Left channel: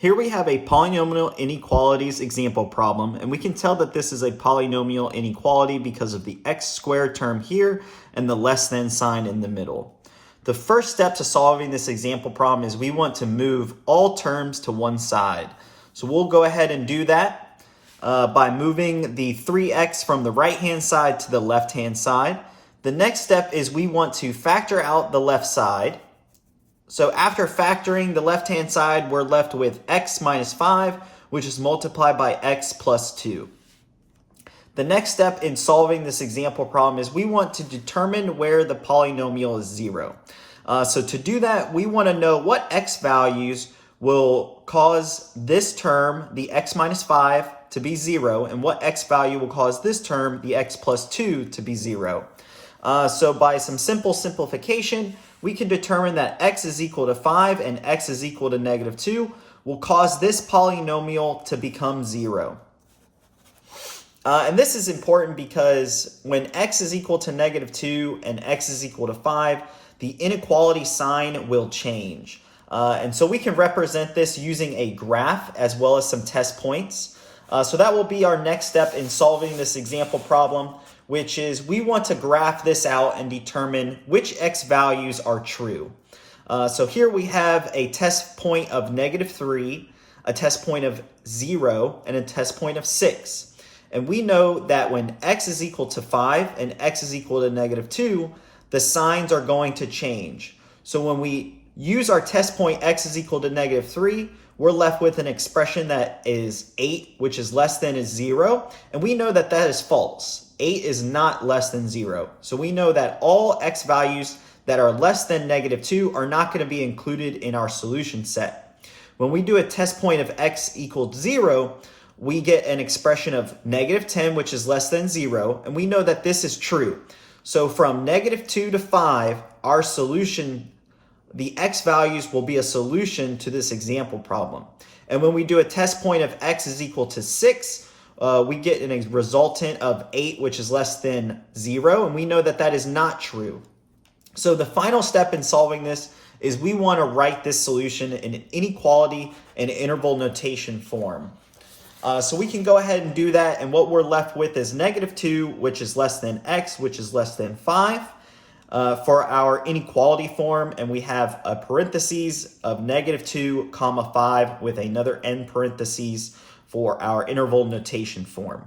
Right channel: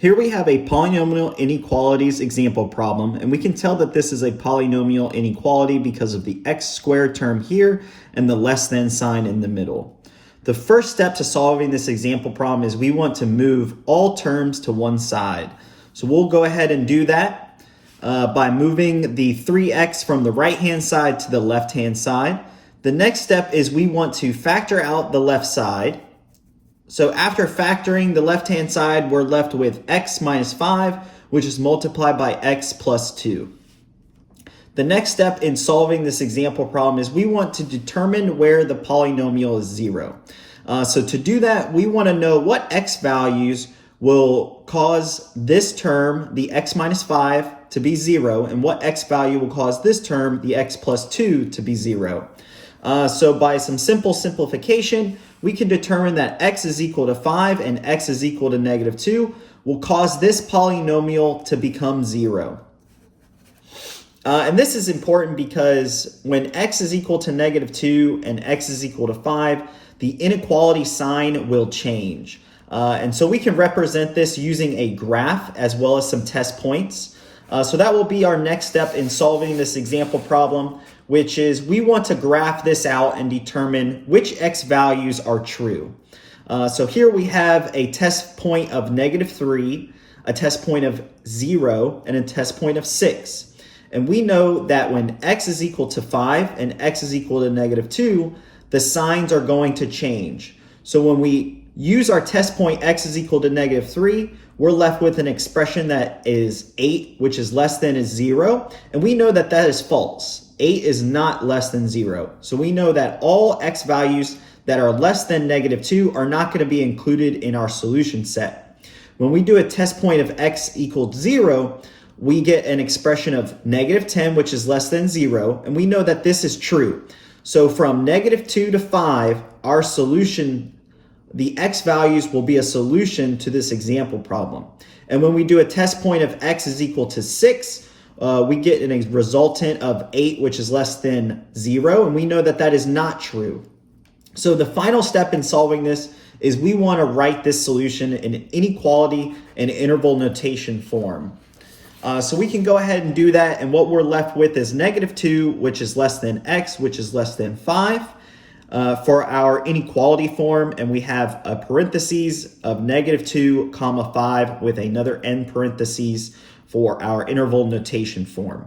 Here we have a polynomial inequalities example problem, and we can tell that this is a polynomial inequality because of the x squared term here and the less than sign in the middle. The first step to solving this example problem is we want to move all terms to one side. So we'll go ahead and do that by moving the 3x from the right-hand side to the left-hand side. The next step is we want to factor out the left side. So after factoring the left-hand side, we're left with x minus 5, which is multiplied by x plus 2. The next step in solving this example problem is we want to determine where the polynomial is 0. So to do that, we want to know what x values will cause this term, the x minus 5, to be 0, and what x value will cause this term, the x plus 2, to be 0. So by some simple simplification, we can determine that x is equal to 5 and x is equal to negative 2 will cause this polynomial to become 0. And this is important because when x is equal to negative 2 and x is equal to 5, the inequality sign will change. And so we can represent this using a graph as well as some test points. So that will be our next step in solving this example problem, which is we want to graph this out and determine which x values are true. So here we have a test point of negative 3, a test point of 0, and a test point of 6. And we know that when x is equal to 5 and x is equal to negative 2, the signs are going to change. So when we use our test point x is equal to negative 3, we're left with an expression that is 8, which is less than is 0. And we know that that is false. 8 is not less than 0. So we know that all x values that are less than negative 2 are not going to be included in our solution set. When we do a test point of x equals 0, we get an expression of negative 10, which is less than 0. And we know that this is true. So from negative 2 to 5, our solution, the x values will be a solution to this example problem. And when we do a test point of x is equal to 6, we get a resultant of 8, which is less than 0. And we know that that is not true. So the final step in solving this is we want to write this solution in an inequality and interval notation form. So we can go ahead and do that, and what we're left with is negative 2, which is less than x, which is less than 5 for our inequality form, and we have a parentheses of negative 2 comma 5 with another end parentheses for our interval notation form.